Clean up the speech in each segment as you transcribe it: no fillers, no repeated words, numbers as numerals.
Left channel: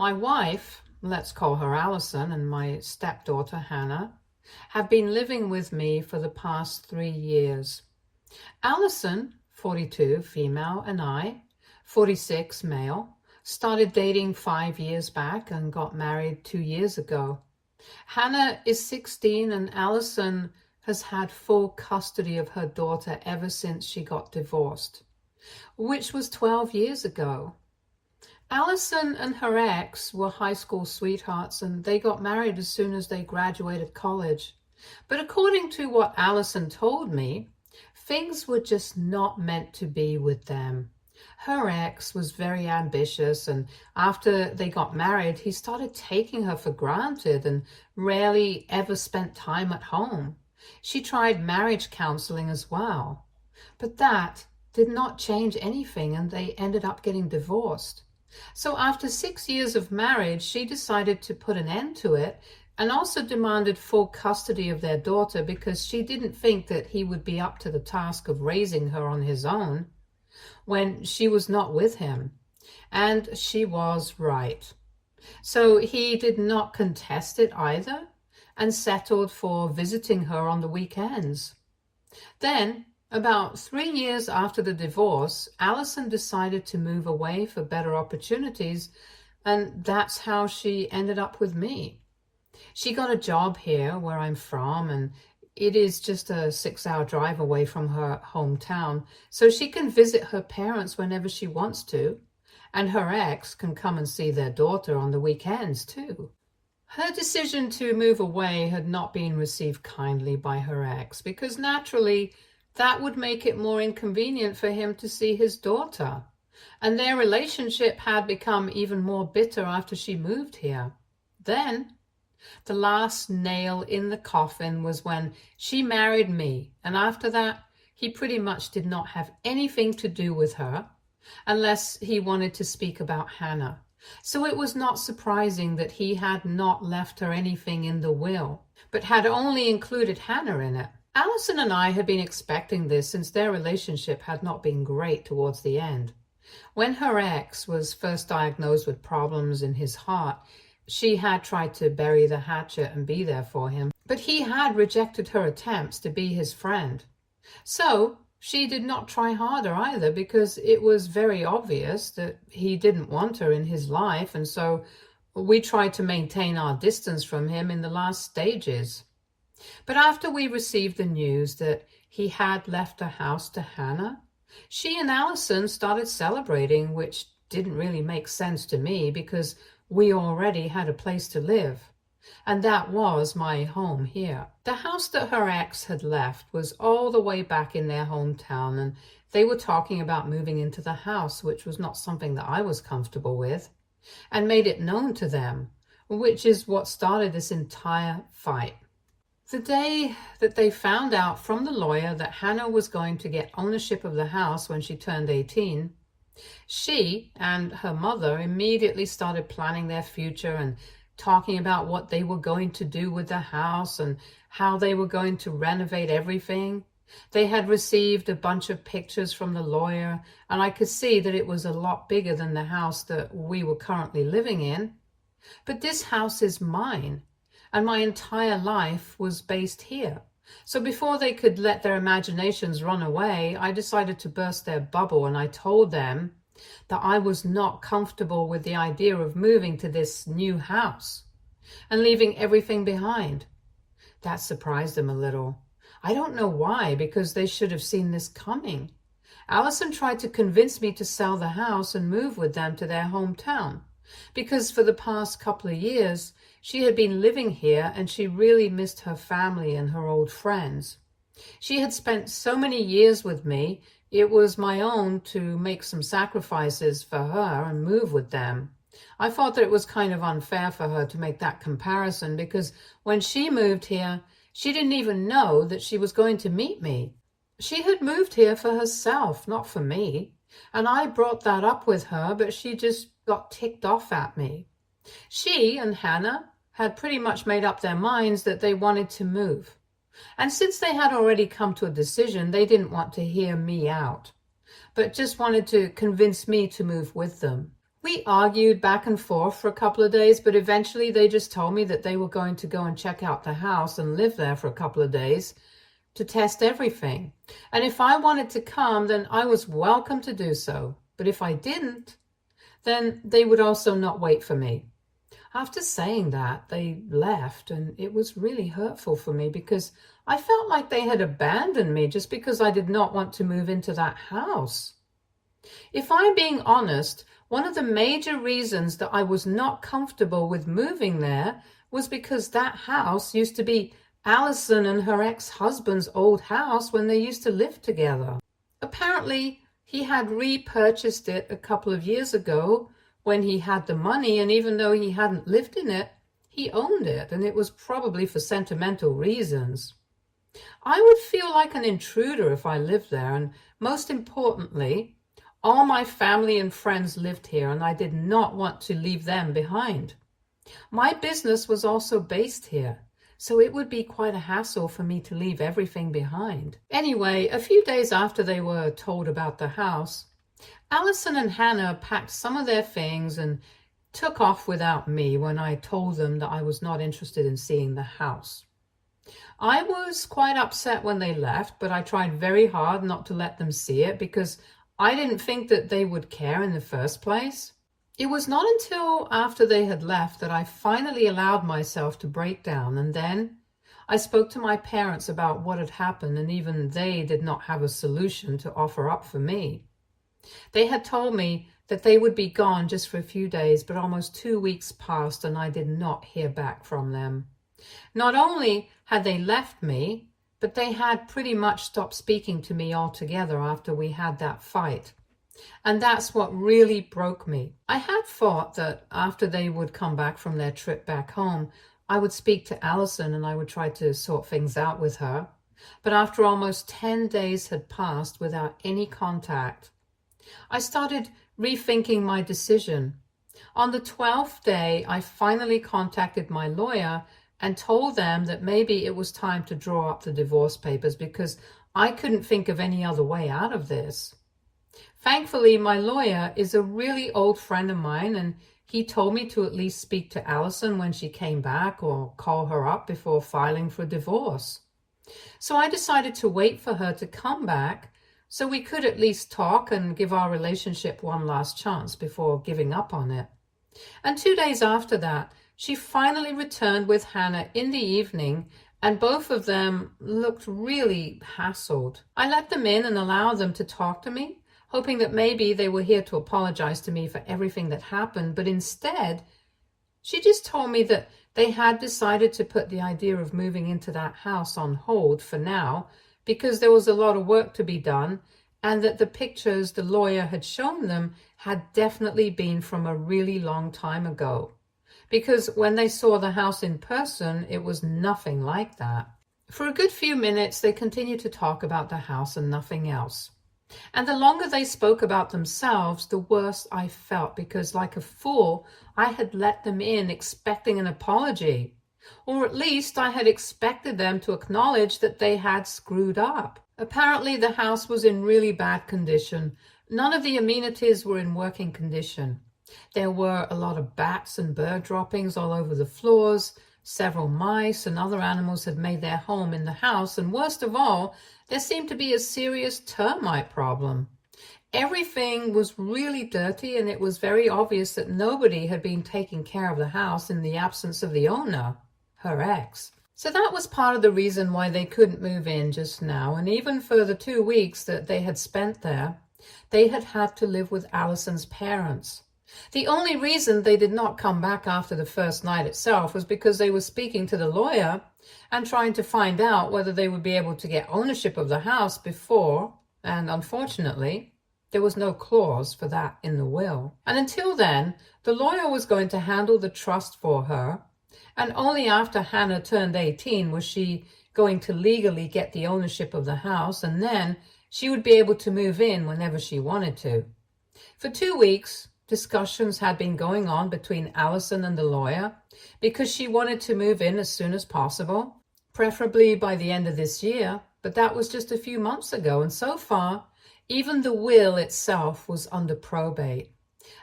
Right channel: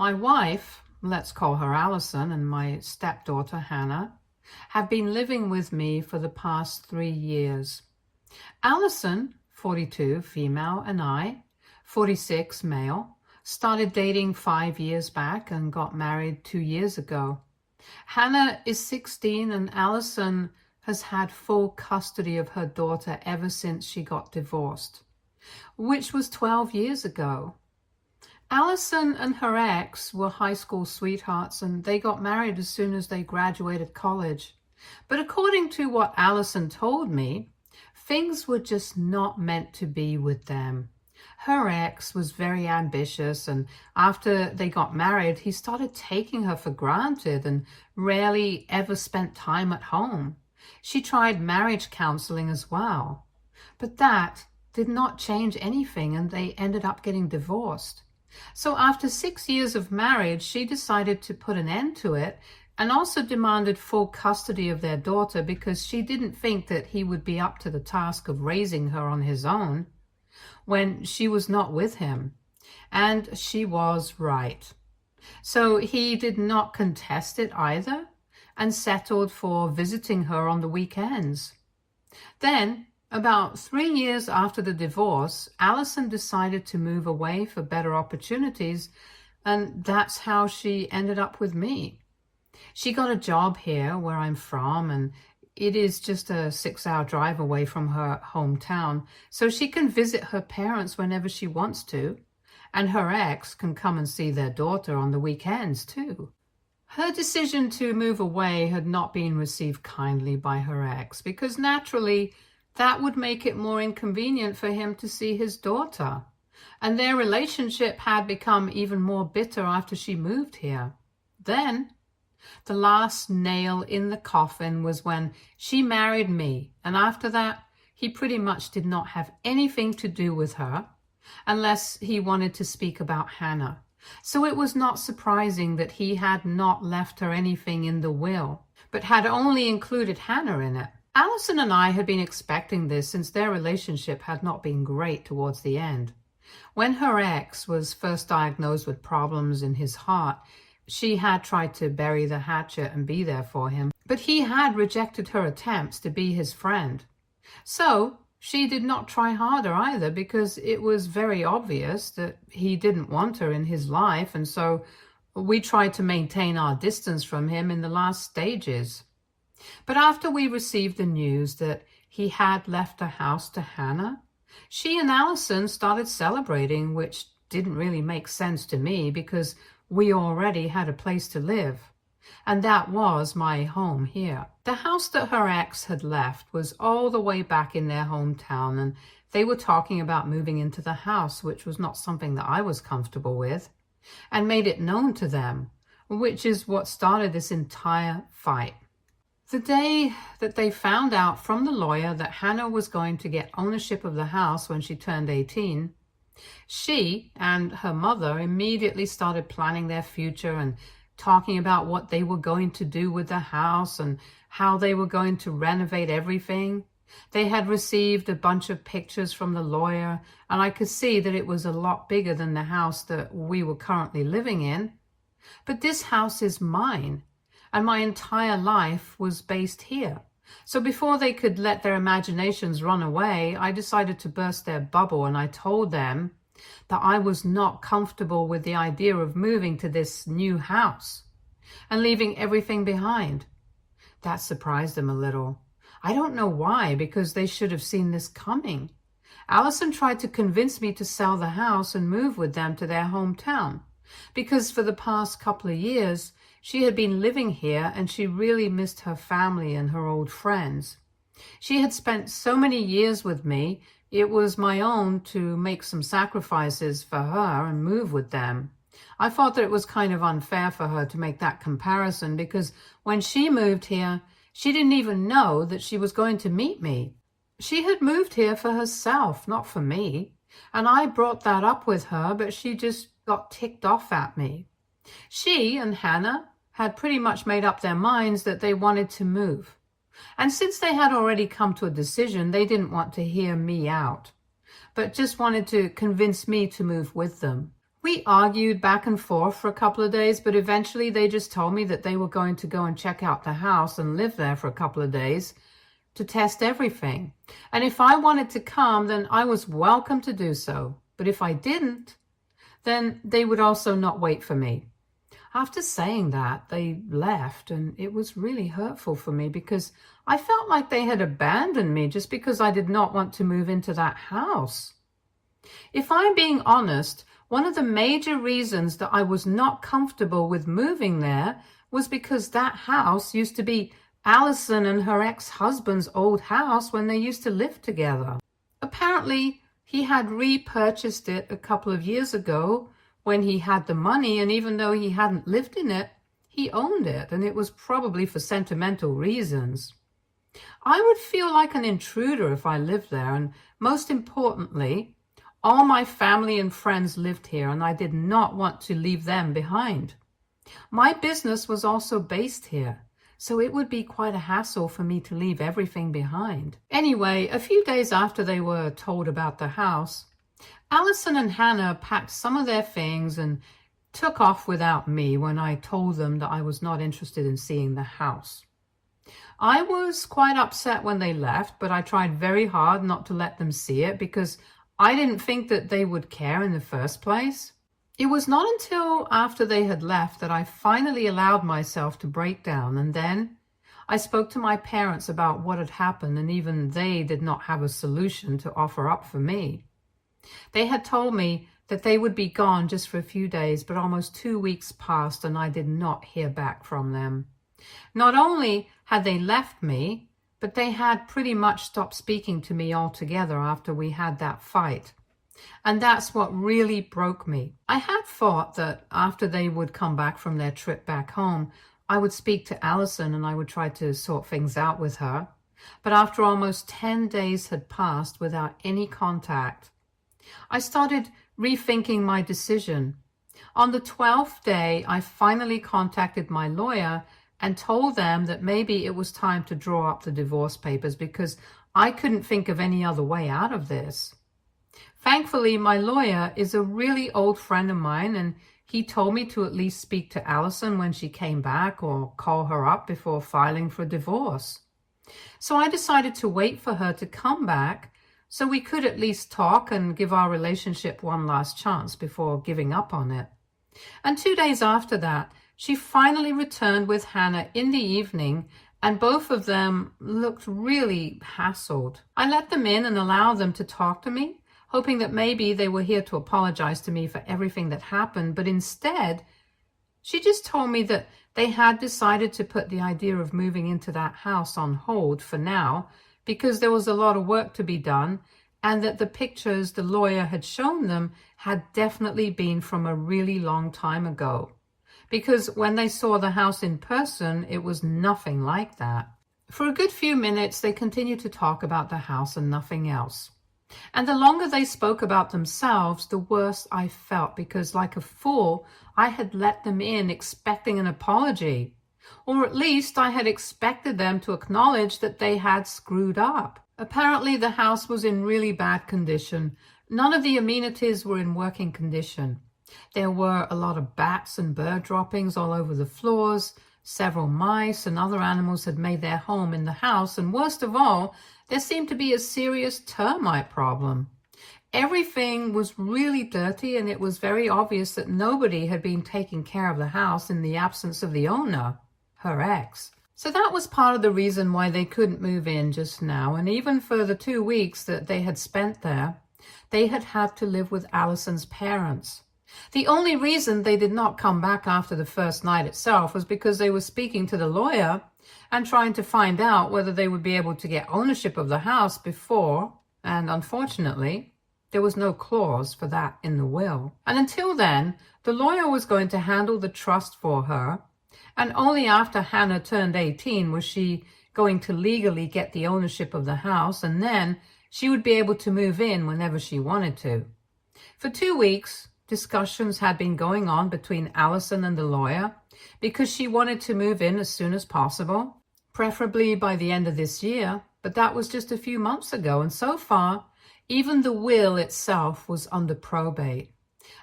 My wife, let's call her Allison, and my stepdaughter Hannah, have been living with me for the past 3 years. Allison, 42, female, and I, 46, male, started dating 5 years back and got married 2 years ago. Hannah is 16 and Allison has had full custody of her daughter ever since she got divorced, which was 12 years ago. Allison and her ex were high school sweethearts and they got married as soon as they graduated college. But according to what Allison told me, things were just not meant to be with them. Her ex was very ambitious, and after they got married, he started taking her for granted and rarely ever spent time at home. She tried marriage counseling as well, but that did not change anything, and they ended up getting divorced. So after 6 years of marriage, she decided to put an end to it and also demanded full custody of their daughter because she didn't think that he would be up to the task of raising her on his own when she was not with him. And she was right. So he did not contest it either and settled for visiting her on the weekends. Then, about 3 years after the divorce, Allison decided to move away for better opportunities, and that's how she ended up with me. She got a job here where I'm from, and it is just a 6-hour drive away from her hometown, so she can visit her parents whenever she wants to, and her ex can come and see their daughter on the weekends too. Her decision to move away had not been received kindly by her ex because naturally that would make it more inconvenient for him to see his daughter, and their relationship had become even more bitter after she moved here. Then the last nail in the coffin was when she married me, and after that, he pretty much did not have anything to do with her unless he wanted to speak about Hannah. So it was not surprising that he had not left her anything in the will, but had only included Hannah in it. Allison and I had been expecting this since their relationship had not been great towards the end. When her ex was first diagnosed with problems in his heart, she had tried to bury the hatchet and be there for him, but he had rejected her attempts to be his friend. So she did not try harder either because it was very obvious that he didn't want her in his life, and so we tried to maintain our distance from him in the last stages. But after we received the news that he had left the house to Hannah, she and Allison started celebrating, which didn't really make sense to me because we already had a place to live, and that was my home here. The house that her ex had left was all the way back in their hometown, and they were talking about moving into the house, which was not something that I was comfortable with, and made it known to them, which is what started this entire fight. The day that they found out from the lawyer that Hannah was going to get ownership of the house when she turned 18, she and her mother immediately started planning their future and talking about what they were going to do with the house and how they were going to renovate everything. They had received a bunch of pictures from the lawyer, and I could see that it was a lot bigger than the house that we were currently living in. But this house is mine, and my entire life was based here. So before they could let their imaginations run away, I decided to burst their bubble, and I told them that I was not comfortable with the idea of moving to this new house and leaving everything behind. That surprised them a little. I don't know why, because they should have seen this coming. Allison tried to convince me to sell the house and move with them to their hometown, because for the past couple of years, she had been living here and she really missed her family and her old friends. She had spent so many years with me, it was my own to make some sacrifices for her and move with them. I thought that it was kind of unfair for her to make that comparison because when she moved here, she didn't even know that she was going to meet me. She had moved here for herself, not for me. And I brought that up with her, but she just got ticked off at me. She and Hannah had pretty much made up their minds that they wanted to move. And since they had already come to a decision, they didn't want to hear me out, but just wanted to convince me to move with them. We argued back and forth for a couple of days, but eventually they just told me that they were going to go and check out the house and live there for a couple of days to test everything. And if I wanted to come, then I was welcome to do so. But if I didn't, then they would also not wait for me. After saying that, they left, and it was really hurtful for me because I felt like they had abandoned me just because I did not want to move into that house. If I'm being honest, one of the major reasons that I was not comfortable with moving there was because that house used to be Allison and her ex-husband's old house when they used to live together. Apparently, he had repurchased it a couple of years ago when he had the money, and even though he hadn't lived in it, he owned it, and it was probably for sentimental reasons. I would feel like an intruder if I lived there, and most importantly, all my family and friends lived here, and I did not want to leave them behind. My business was also based here, so it would be quite a hassle for me to leave everything behind. Anyway, a few days after they were told about the house, Allison and Hannah packed some of their things and took off without me when I told them that I was not interested in seeing the house. I was quite upset when they left, but I tried very hard not to let them see it because I didn't think that they would care in the first place. It was not until after they had left that I finally allowed myself to break down, and then I spoke to my parents about what had happened, and even they did not have a solution to offer up for me. They had told me that they would be gone just for a few days, but almost 2 weeks passed and I did not hear back from them. Not only had they left me, but they had pretty much stopped speaking to me altogether after we had that fight. And that's what really broke me. I had thought that after they would come back from their trip back home, I would speak to Allison and I would try to sort things out with her. But after almost 10 days had passed without any contact, I started rethinking my decision. On the 12th day, I finally contacted my lawyer and told them that maybe it was time to draw up the divorce papers because I couldn't think of any other way out of this. Thankfully, my lawyer is a really old friend of mine, and he told me to at least speak to Allison when she came back or call her up before filing for divorce. So I decided to wait for her to come back so we could at least talk and give our relationship one last chance before giving up on it. And 2 days after that, she finally returned with Hannah in the evening, and both of them looked really hassled. I let them in and allowed them to talk to me, hoping that maybe they were here to apologize to me for everything that happened, but instead, she just told me that they had decided to put the idea of moving into that house on hold for now because there was a lot of work to be done, and that the pictures the lawyer had shown them had definitely been from a really long time ago. Because when they saw the house in person, it was nothing like that. For a good few minutes, they continued to talk about the house and nothing else. And the longer they spoke about themselves, the worse I felt, because like a fool, I had let them in expecting an apology. Or at least I had expected them to acknowledge that they had screwed up. Apparently, the house was in really bad condition. None of the amenities were in working condition. There were a lot of bats and bird droppings all over the floors. Several mice and other animals had made their home in the house. And worst of all, there seemed to be a serious termite problem. Everything was really dirty, and it was very obvious that nobody had been taking care of the house in the absence of the owner, her ex. So that was part of the reason why they couldn't move in just now. And even for the 2 weeks that they had spent there, they had had to live with Allison's parents. The only reason they did not come back after the first night itself was because they were speaking to the lawyer and trying to find out whether they would be able to get ownership of the house before, and unfortunately, there was no clause for that in the will. And until then, the lawyer was going to handle the trust for her, and only after Hannah turned 18 was she going to legally get the ownership of the house, and then she would be able to move in whenever she wanted to. For 2 weeks, discussions had been going on between Allison and the lawyer because she wanted to move in as soon as possible, preferably by the end of this year, but that was just a few months ago, and so far, even the will itself was under probate.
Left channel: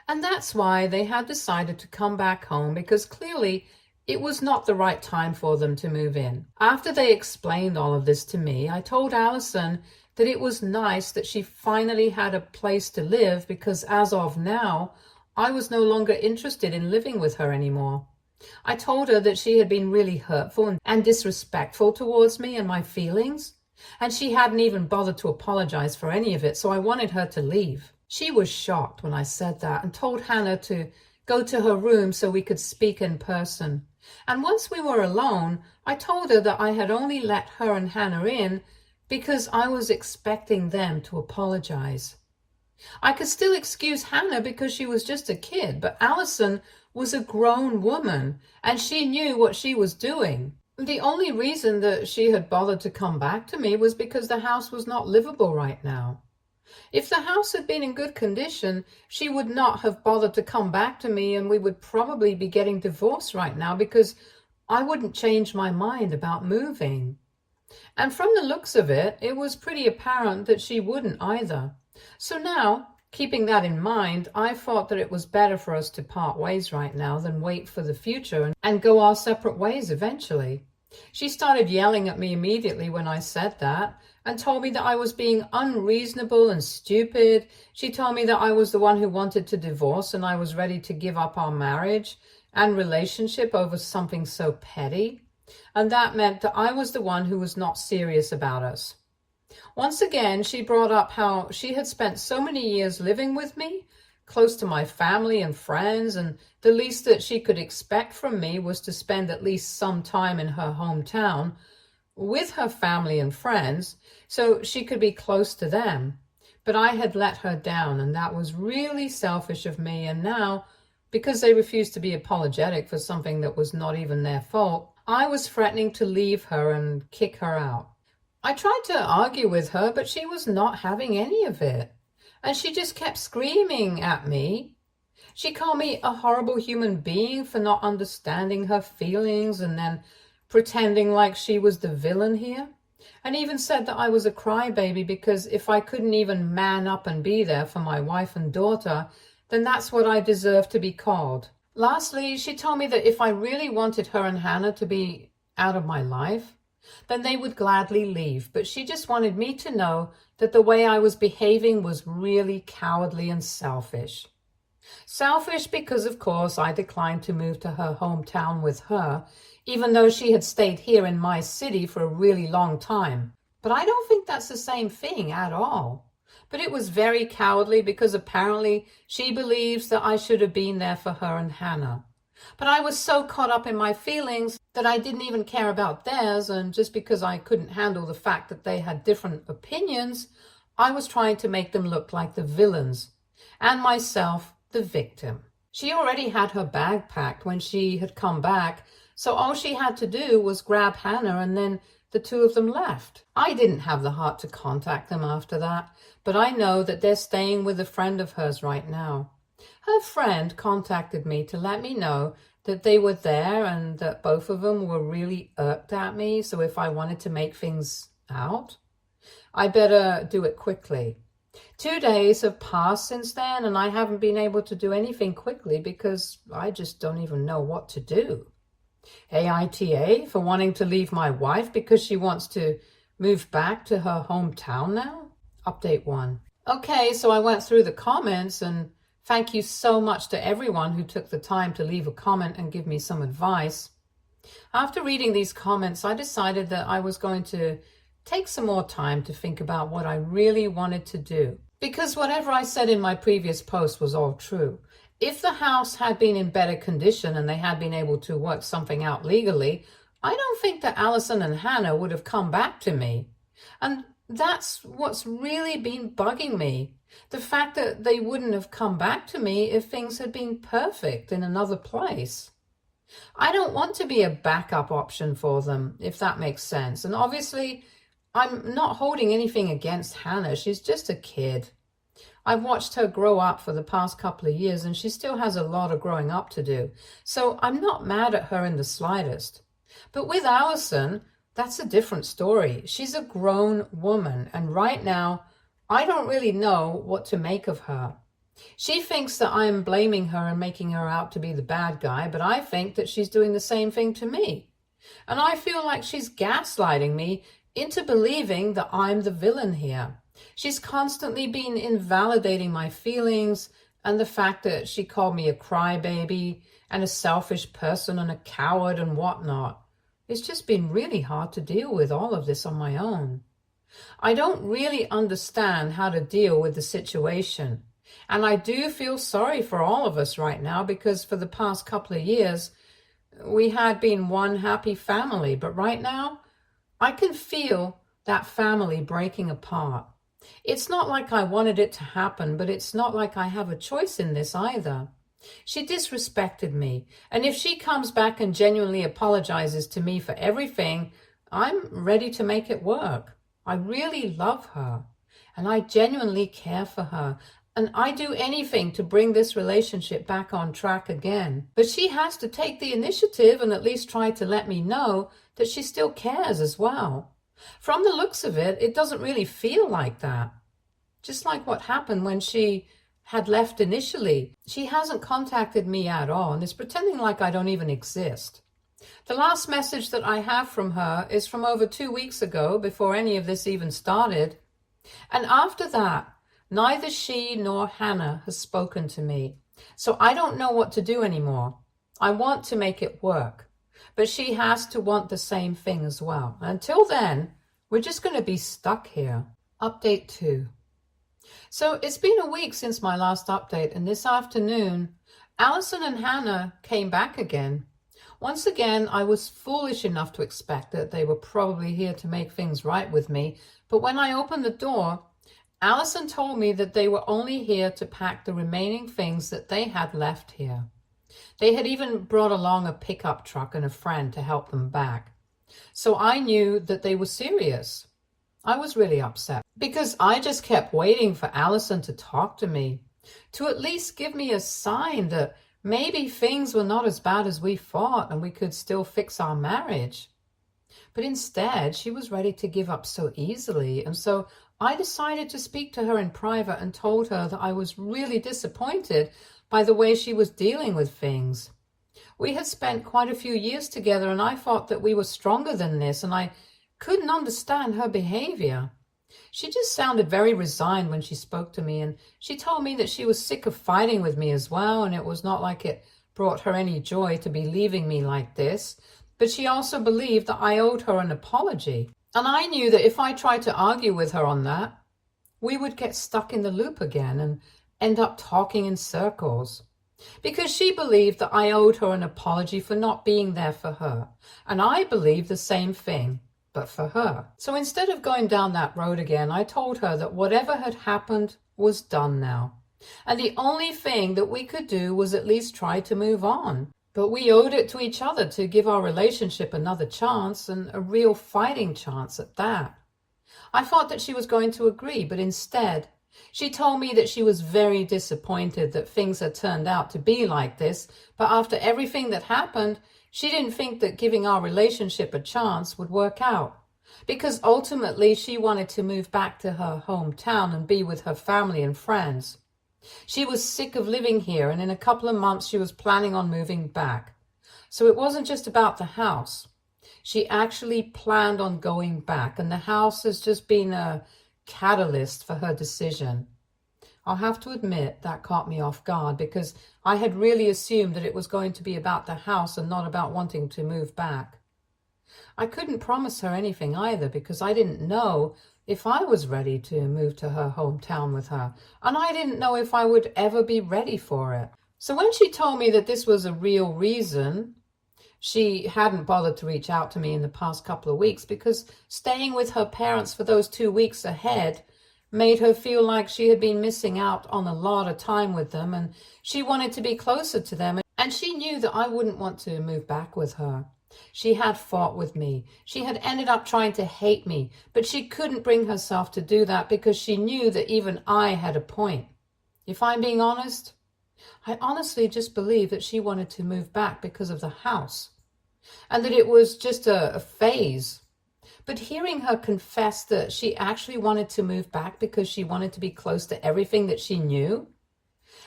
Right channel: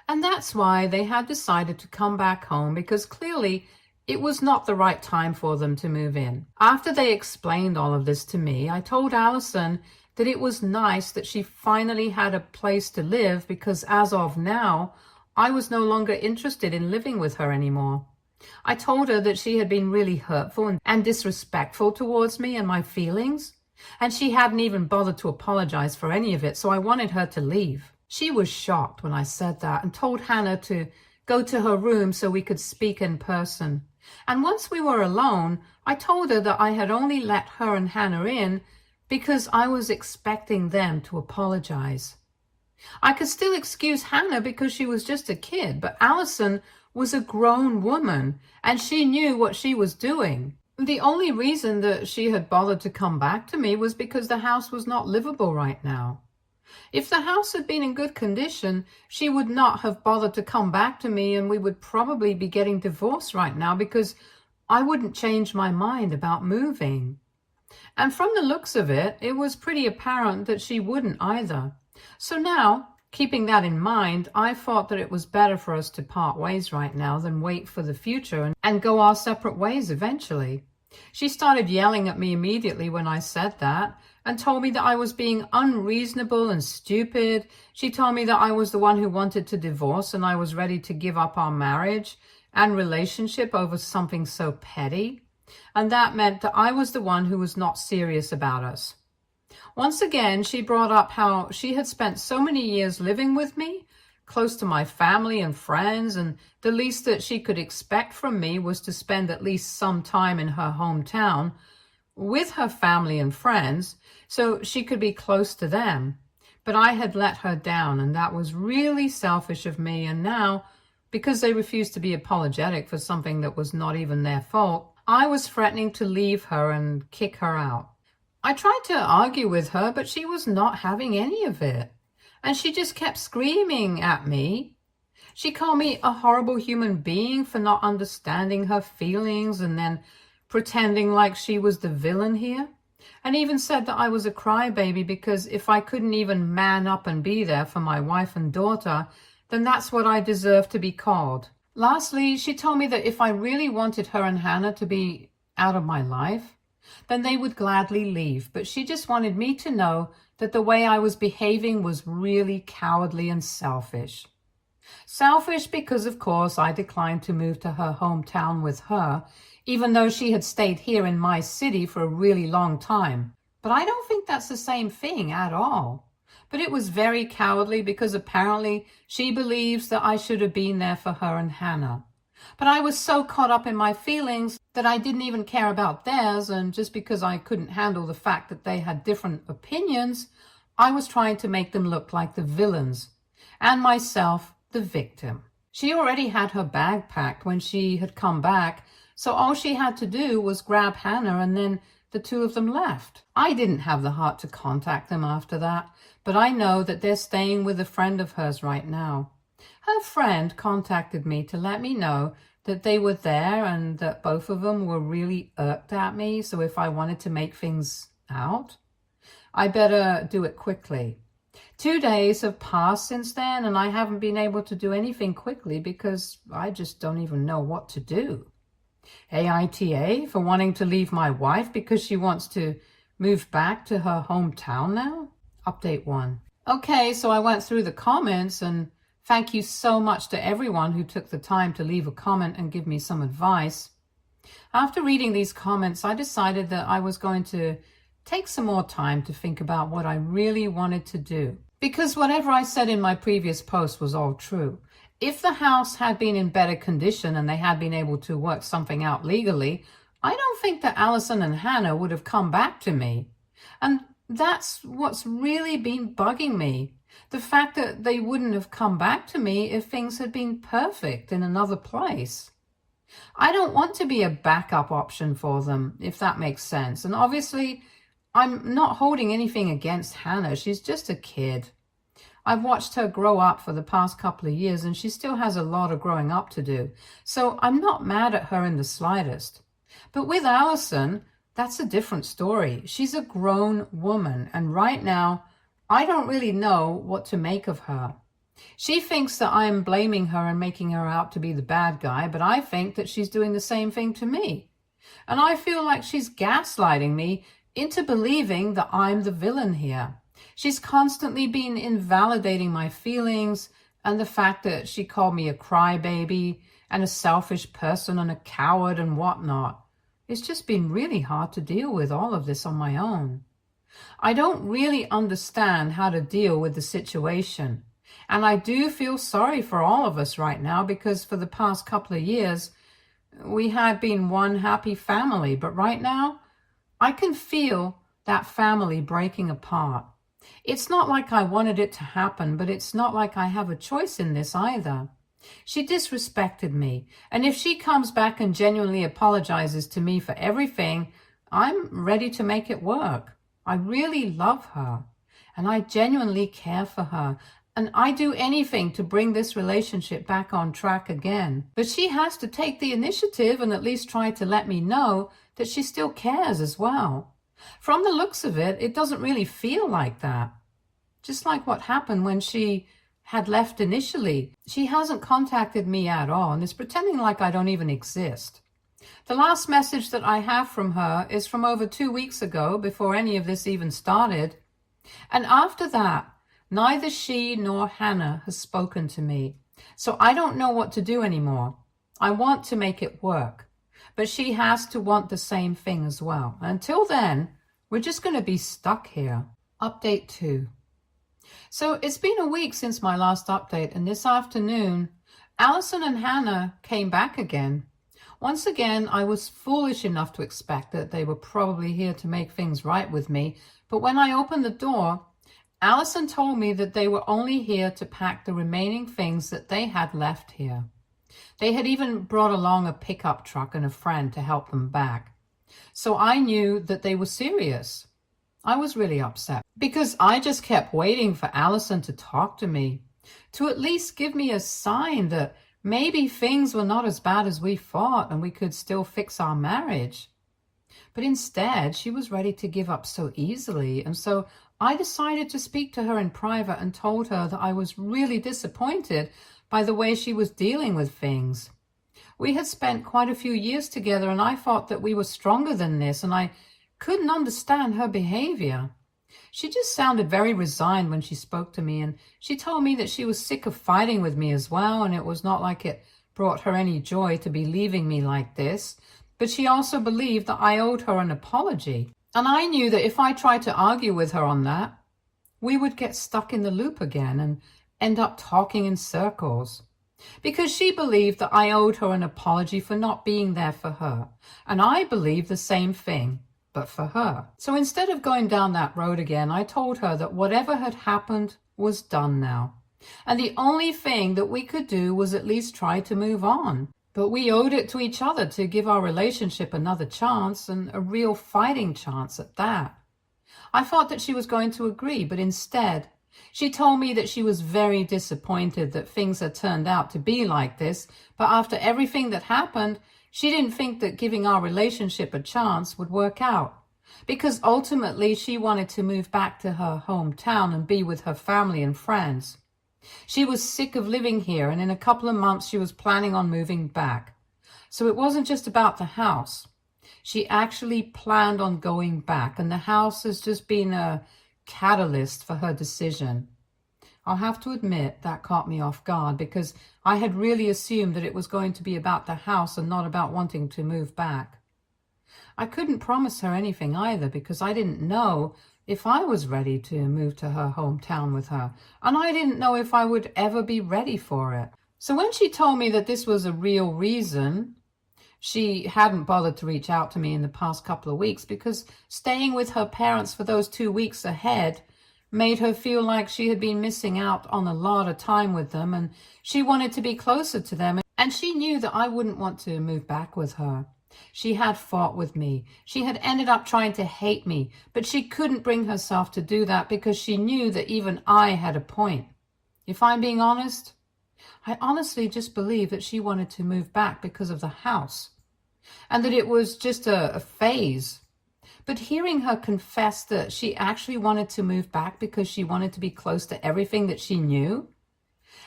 And that's why they had decided to come back home, because clearly it was not the right time for them to move in. After they explained all of this to me, I told Allison that it was nice that she finally had a place to live, because as of now, I was no longer interested in living with her anymore. I told her that she had been really hurtful and disrespectful towards me and my feelings, and she hadn't even bothered to apologize for any of it, so I wanted her to leave. She was shocked when I said that and told Hannah to go to her room so we could speak in person. And once we were alone, I told her that I had only let her and Hannah in because I was expecting them to apologize. I could still excuse Hannah because she was just a kid, but Allison was a grown woman and she knew what she was doing. The only reason that she had bothered to come back to me was because the house was not livable right now. If the house had been in good condition, she would not have bothered to come back to me, and we would probably be getting divorced right now because I wouldn't change my mind about moving. And from the looks of it, it was pretty apparent that she wouldn't either. So now, keeping that in mind, I thought that it was better for us to part ways right now than wait for the future and go our separate ways eventually. She started yelling at me immediately when I said that, and told me that I was being unreasonable and stupid. She told me that I was the one who wanted to divorce and I was ready to give up our marriage and relationship over something so petty. And that meant that I was the one who was not serious about us. Once again, she brought up how she had spent so many years living with me, close to my family and friends, and the least that she could expect from me was to spend at least some time in her hometown with her family and friends, so she could be close to them. But I had let her down, and that was really selfish of me. And now, because they refused to be apologetic for something that was not even their fault, I was threatening to leave her and kick her out. I tried to argue with her, but she was not having any of it. And she just kept screaming at me. She called me a horrible human being for not understanding her feelings and then pretending like she was the villain here, and even said that I was a crybaby because if I couldn't even man up and be there for my wife and daughter, then that's what I deserved to be called. Lastly, she told me that if I really wanted her and Hannah to be out of my life, then they would gladly leave, but she just wanted me to know that the way I was behaving was really cowardly and selfish. Selfish because, of course, I declined to move to her hometown with her, even though she had stayed here in my city for a really long time. But I don't think that's the same thing at all. But it was very cowardly because apparently she believes that I should have been there for her and Hannah. But I was so caught up in my feelings that I didn't even care about theirs, and just because I couldn't handle the fact that they had different opinions, I was trying to make them look like the villains, and myself the victim. She already had her bag packed when she had come back, so all she had to do was grab Hannah, and then the two of them left. I didn't have the heart to contact them after that, but I know that they're staying with a friend of hers right now. Her friend contacted me to let me know that they were there and that both of them were really irked at me, so if I wanted to make things out, I better do it quickly. 2 days have passed since then, and I haven't been able to do anything quickly because I just don't even know what to do. AITA for wanting to leave my wife because she wants to move back to her hometown now? Update 1. Okay, so I went through the comments, and thank you so much to everyone who took the time to leave a comment and give me some advice. After reading these comments, I decided that I was going to take some more time to think about what I really wanted to do. Because whatever I said in my previous post was all true. If the house had been in better condition and they had been able to work something out legally, I don't think that Allison and Hannah would have come back to me. And that's what's really been bugging me. The fact that they wouldn't have come back to me if things had been perfect in another place. I don't want to be a backup option for them, if that makes sense. And obviously, I'm not holding anything against Hannah. She's just a kid. I've watched her grow up for the past couple of years, and she still has a lot of growing up to do. So I'm not mad at her in the slightest. But with Allison, that's a different story. She's a grown woman, and right now, I don't really know what to make of her. She thinks that I'm blaming her and making her out to be the bad guy, but I think that she's doing the same thing to me. And I feel like she's gaslighting me into believing that I'm the villain here. She's constantly been invalidating my feelings and the fact that she called me a crybaby and a selfish person and a coward and whatnot. It's just been really hard to deal with all of this on my own. I don't really understand how to deal with the situation. And I do feel sorry for all of us right now, because for the past couple of years, we had been one happy family. But right now, I can feel that family breaking apart. It's not like I wanted it to happen, but it's not like I have a choice in this either. She disrespected me, and if she comes back and genuinely apologizes to me for everything, I'm ready to make it work. I really love her, and I genuinely care for her, and I do anything to bring this relationship back on track again. But she has to take the initiative and at least try to let me know that she still cares as well. From the looks of it, it doesn't really feel like that. Just like what happened when she had left initially. She hasn't contacted me at all and is pretending like I don't even exist. The last message that I have from her is from over 2 weeks ago, before any of this even started. And after that, neither she nor Hannah has spoken to me. So I don't know what to do anymore. I want to make it work, but she has to want the same thing as well. Until then, we're just going to be stuck here. Update 2. So it's been a week since my last update, and this afternoon, Allison and Hannah came back again. Once again, I was foolish enough to expect that they were probably here to make things right with me, but when I opened the door, Allison told me that they were only here to pack the remaining things that they had left here. They had even brought along a pickup truck and a friend to help them back. So I knew that they were serious. I was really upset because I just kept waiting for Allison to talk to me, to at least give me a sign that maybe things were not as bad as we thought and we could still fix our marriage. But instead, she was ready to give up so easily, and so I decided to speak to her in private and told her that I was really disappointed by the way she was dealing with things. We had spent quite a few years together, and I thought that we were stronger than this, and I couldn't understand her behavior. She just sounded very resigned when she spoke to me, and she told me that she was sick of fighting with me as well, and it was not like it brought her any joy to be leaving me like this. But she also believed that I owed her an apology. And I knew that if I tried to argue with her on that, we would get stuck in the loop again and end up talking in circles. Because she believed that I owed her an apology for not being there for her. And I believed the same thing, but for her. So instead of going down that road again, I told her that whatever had happened was done now. And the only thing that we could do was at least try to move on. But we owed it to each other to give our relationship another chance, and a real fighting chance at that. I thought that she was going to agree, but instead, she told me that she was very disappointed that things had turned out to be like this, but after everything that happened, she didn't think that giving our relationship a chance would work out. Because ultimately, she wanted to move back to her hometown and be with her family and friends. She was sick of living here, and in a couple of months she was planning on moving back. So it wasn't just about the house. She actually planned on going back, and the house has just been a catalyst for her decision. I'll have to admit that caught me off guard, because I had really assumed that it was going to be about the house and not about wanting to move back. I couldn't promise her anything either, because I didn't know if I was ready to move to her hometown with her, and I didn't know if I would ever be ready for it. So when she told me that this was a real reason, she hadn't bothered to reach out to me in the past couple of weeks, because staying with her parents for those 2 weeks ahead made her feel like she had been missing out on a lot of time with them, and she wanted to be closer to them, and she knew that I wouldn't want to move back with her. She had fought with me. She had ended up trying to hate me, but she couldn't bring herself to do that because she knew that even I had a point. If I'm being honest, I honestly just believe that she wanted to move back because of the house, and that it was just a phase. But hearing her confess that she actually wanted to move back because she wanted to be close to everything that she knew,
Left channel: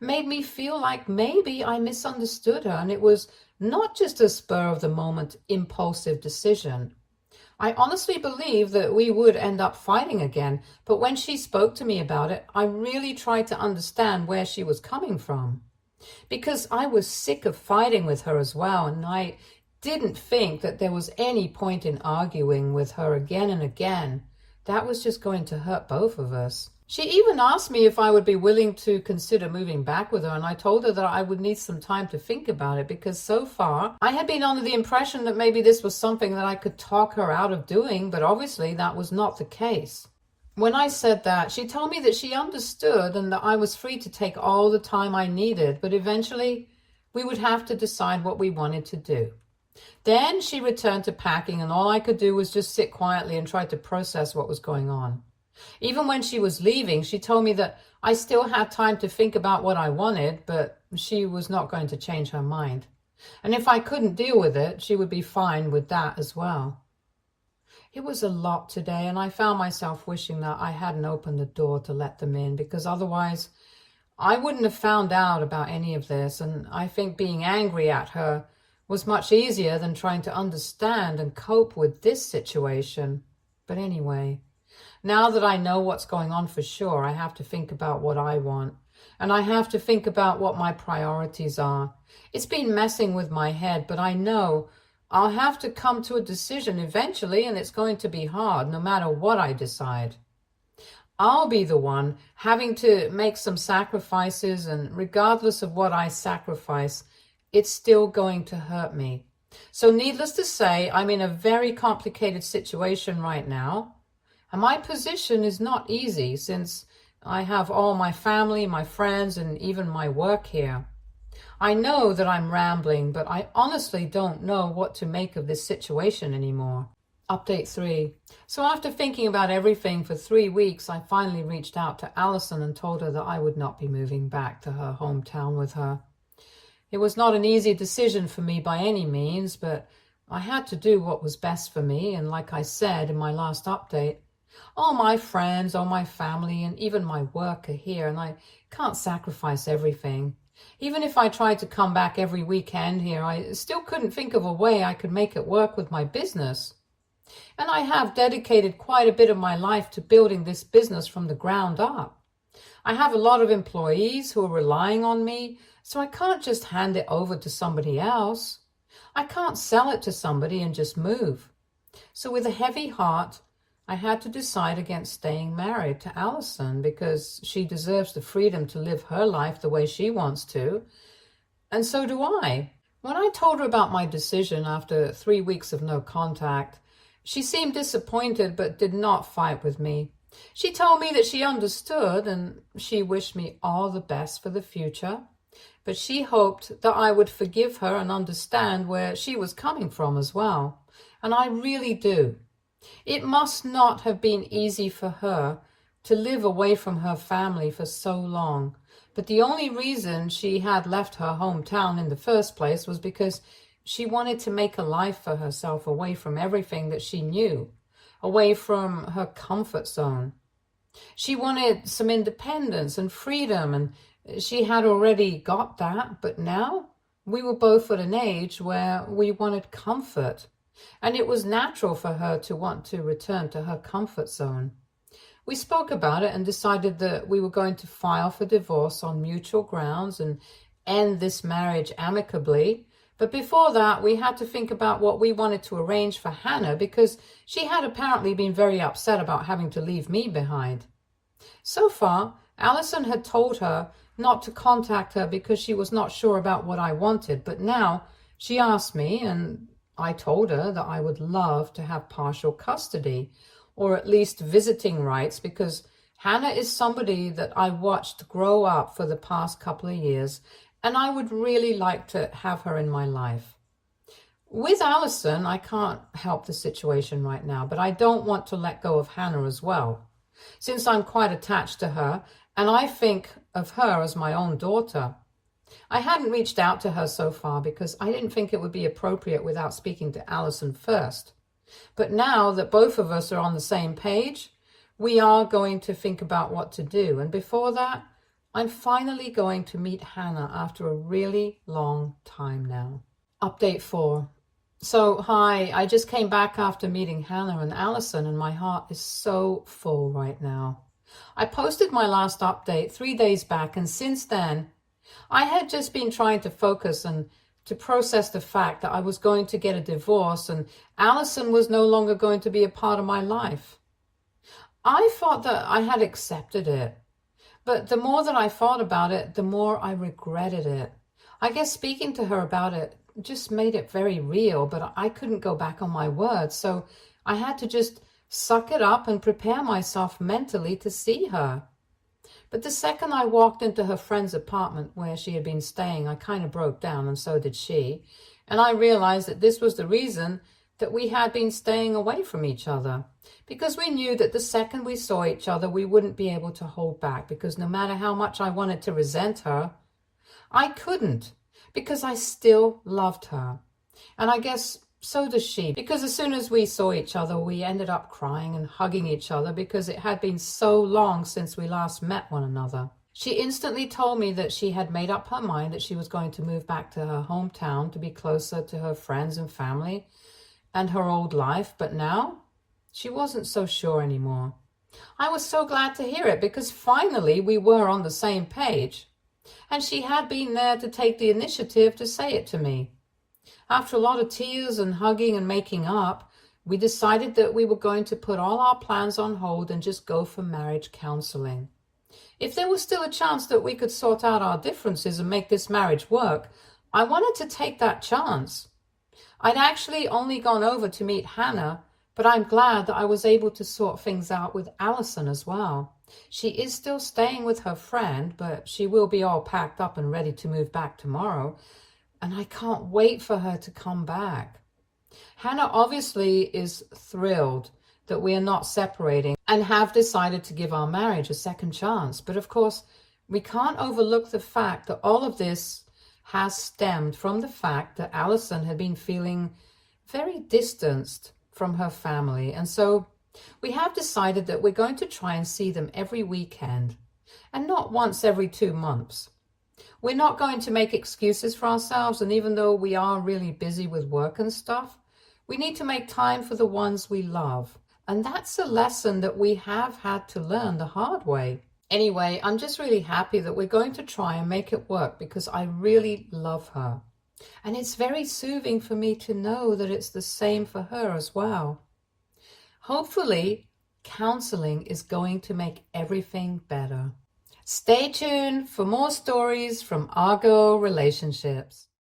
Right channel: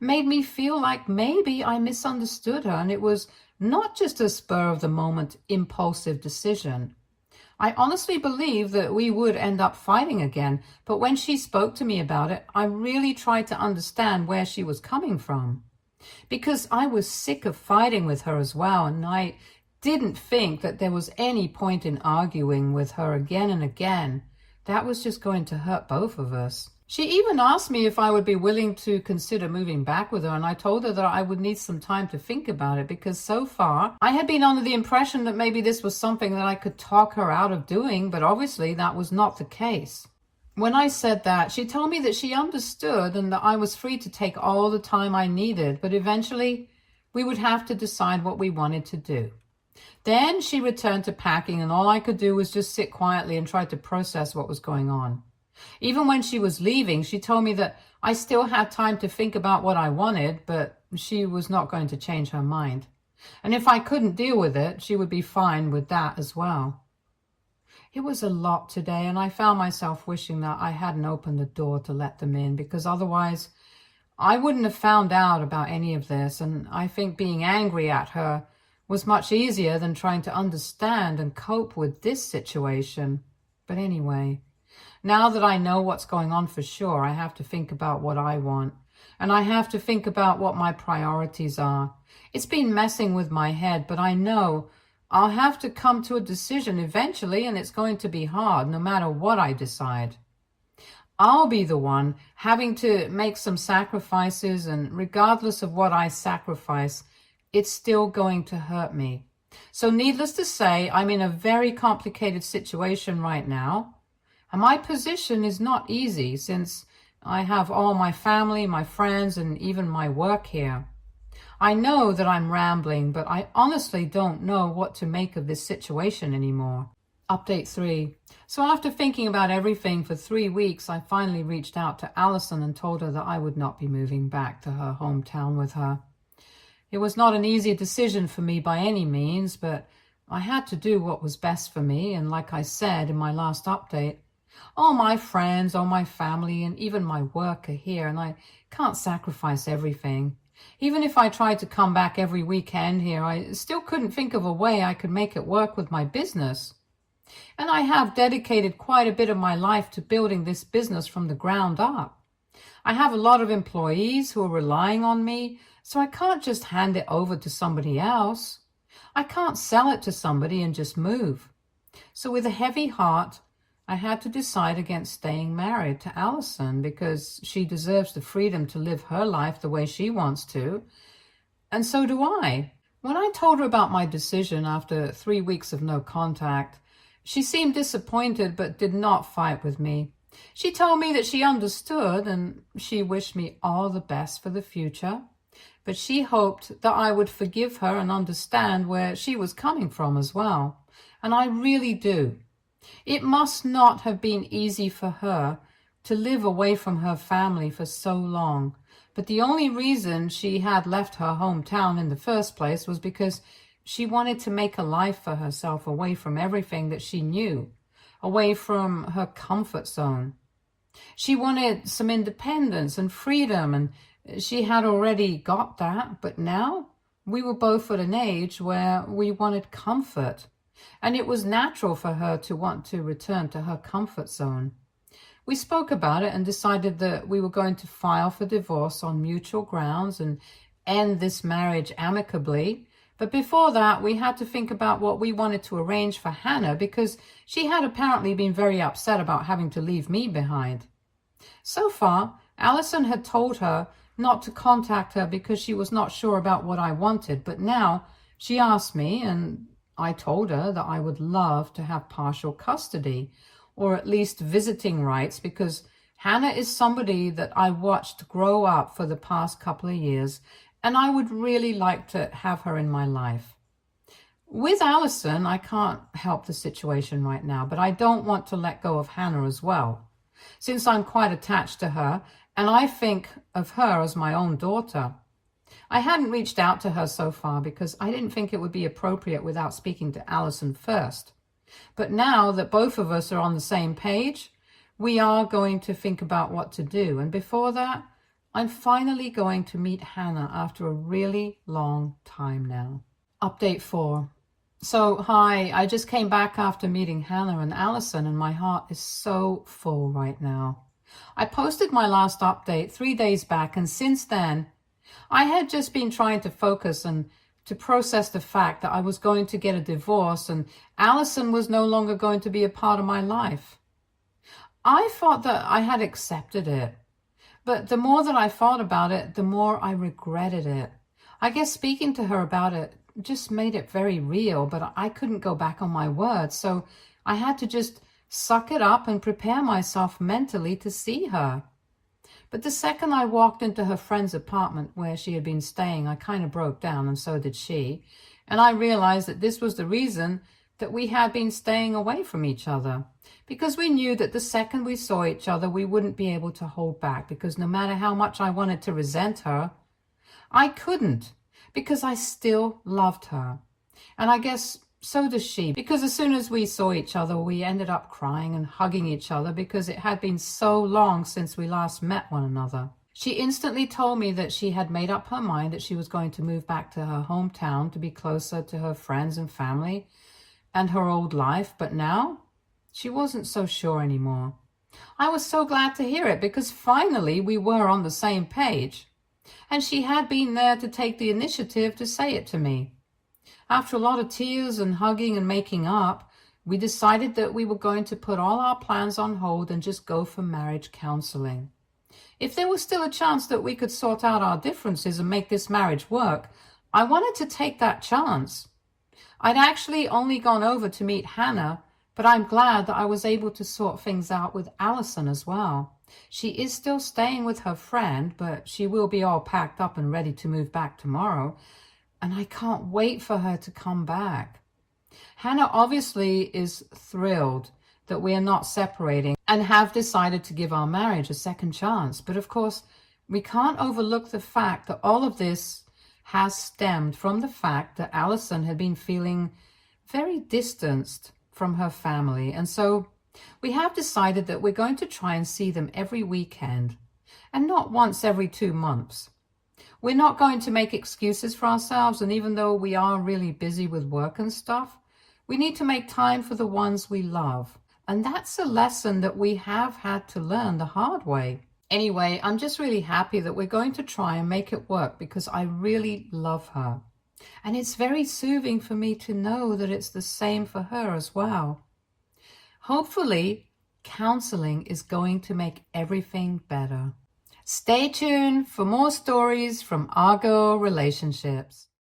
made me feel like maybe I misunderstood her and it was not just a spur of the moment impulsive decision. I honestly believe that we would end up fighting again, but when she spoke to me about it, I really tried to understand where she was coming from. Because I was sick of fighting with her as well, and I didn't think that there was any point in arguing with her again and again. That was just going to hurt both of us. She even asked me if I would be willing to consider moving back with her, and I told her that I would need some time to think about it because so far I had been under the impression that maybe this was something that I could talk her out of doing, but obviously that was not the case. When I said that, she told me that she understood and that I was free to take all the time I needed, but eventually we would have to decide what we wanted to do. Then she returned to packing, and all I could do was just sit quietly and try to process what was going on. Even when she was leaving, she told me that I still had time to think about what I wanted, but she was not going to change her mind. And if I couldn't deal with it, she would be fine with that as well. It was a lot today, and I found myself wishing that I hadn't opened the door to let them in, because otherwise I wouldn't have found out about any of this, and I think being angry at her was much easier than trying to understand and cope with this situation. But anyway, now that I know what's going on for sure, I have to think about what I want, and I have to think about what my priorities are. It's been messing with my head, but I know I'll have to come to a decision eventually, and it's going to be hard no matter what I decide. I'll be the one having to make some sacrifices, and regardless of what I sacrifice, it's still going to hurt me. So needless to say, I'm in a very complicated situation right now. And my position is not easy since I have all my family, my friends, and even my work here. I know that I'm rambling, but I honestly don't know what to make of this situation anymore. Update 3. So after thinking about everything for 3 weeks, I finally reached out to Allison and told her that I would not be moving back to her hometown with her. It was not an easy decision for me by any means, but I had to do what was best for me, and like I said in my last update, all my friends, all my family, and even my work are here, and I can't sacrifice everything. Even if I tried to come back every weekend here, I still couldn't think of a way I could make it work with my business. And I have dedicated quite a bit of my life to building this business from the ground up. I have a lot of employees who are relying on me, so I can't just hand it over to somebody else. I can't sell it to somebody and just move. So with a heavy heart, I had to decide against staying married to Allison because she deserves the freedom to live her life the way she wants to, and so do I. When I told her about my decision after 3 weeks of no contact, she seemed disappointed but did not fight with me. She told me that she understood and she wished me all the best for the future, but she hoped that I would forgive her and understand where she was coming from as well, and I really do. It must not have been easy for her to live away from her family for so long, but the only reason she had left her hometown in the first place was because she wanted to make a life for herself away from everything that she knew, away from her comfort zone. She wanted some independence and freedom, and she had already got that, but now we were both at an age where we wanted comfort. And it was natural for her to want to return to her comfort zone. We spoke about it and decided that we were going to file for divorce on mutual grounds and end this marriage amicably. But before that, we had to think about what we wanted to arrange for Hannah because she had apparently been very upset about having to leave me behind. So far, Allison had told her not to contact her because she was not sure about what I wanted, but now she asked me, and I told her that I would love to have partial custody, or at least visiting rights, because Hannah is somebody that I watched grow up for the past couple of years, and I would really like to have her in my life. With Allison, I can't help the situation right now, but I don't want to let go of Hannah as well, since I'm quite attached to her, and I think of her as my own daughter. I hadn't reached out to her so far because I didn't think it would be appropriate without speaking to Allison first. But now that both of us are on the same page, we are going to think about what to do. And before that, I'm finally going to meet Hannah after a really long time now. Update 4. So, hi, I just came back after meeting Hannah and Allison, and my heart is so full right now. I posted my last update 3 days back, and since then, I had just been trying to focus and to process the fact that I was going to get a divorce and Allison was no longer going to be a part of my life. I thought that I had accepted it, but the more that I thought about it, the more I regretted it. I guess speaking to her about it just made it very real, but I couldn't go back on my word, so I had to just suck it up and prepare myself mentally to see her. But the second I walked into her friend's apartment where she had been staying, I kind of broke down, and so did she. And I realized that this was the reason that we had been staying away from each other. Because we knew that the second we saw each other, we wouldn't be able to hold back. Because no matter how much I wanted to resent her, I couldn't. Because I still loved her. And I guess so does she, because as soon as we saw each other, we ended up crying and hugging each other because it had been so long since we last met one another. She instantly told me that she had made up her mind that she was going to move back to her hometown to be closer to her friends and family and her old life, but now she wasn't so sure anymore. I was so glad to hear it because finally we were on the same page, and she had been there to take the initiative to say it to me. After a lot of tears and hugging and making up, we decided that we were going to put all our plans on hold and just go for marriage counseling. If there was still a chance that we could sort out our differences and make this marriage work, I wanted to take that chance. I'd actually only gone over to meet Hannah, but I'm glad that I was able to sort things out with Allison as well. She is still staying with her friend, but she will be all packed up and ready to move back tomorrow. And I can't wait for her to come back. Hannah obviously is thrilled that we are not separating and have decided to give our marriage a second chance. But of course, we can't overlook the fact that all of this has stemmed from the fact that Allison had been feeling very distanced from her family. And so we have decided that we're going to try and see them every weekend and not once every 2 months. We're not going to make excuses for ourselves, and even though we are really busy with work and stuff, we need to make time for the ones we love. And that's a lesson that we have had to learn the hard way. Anyway, I'm just really happy that we're going to try and make it work because I really love her. And it's very soothing for me to know that it's the same for her as well. Hopefully, counseling is going to make everything better. Stay tuned for more stories from our girl relationships.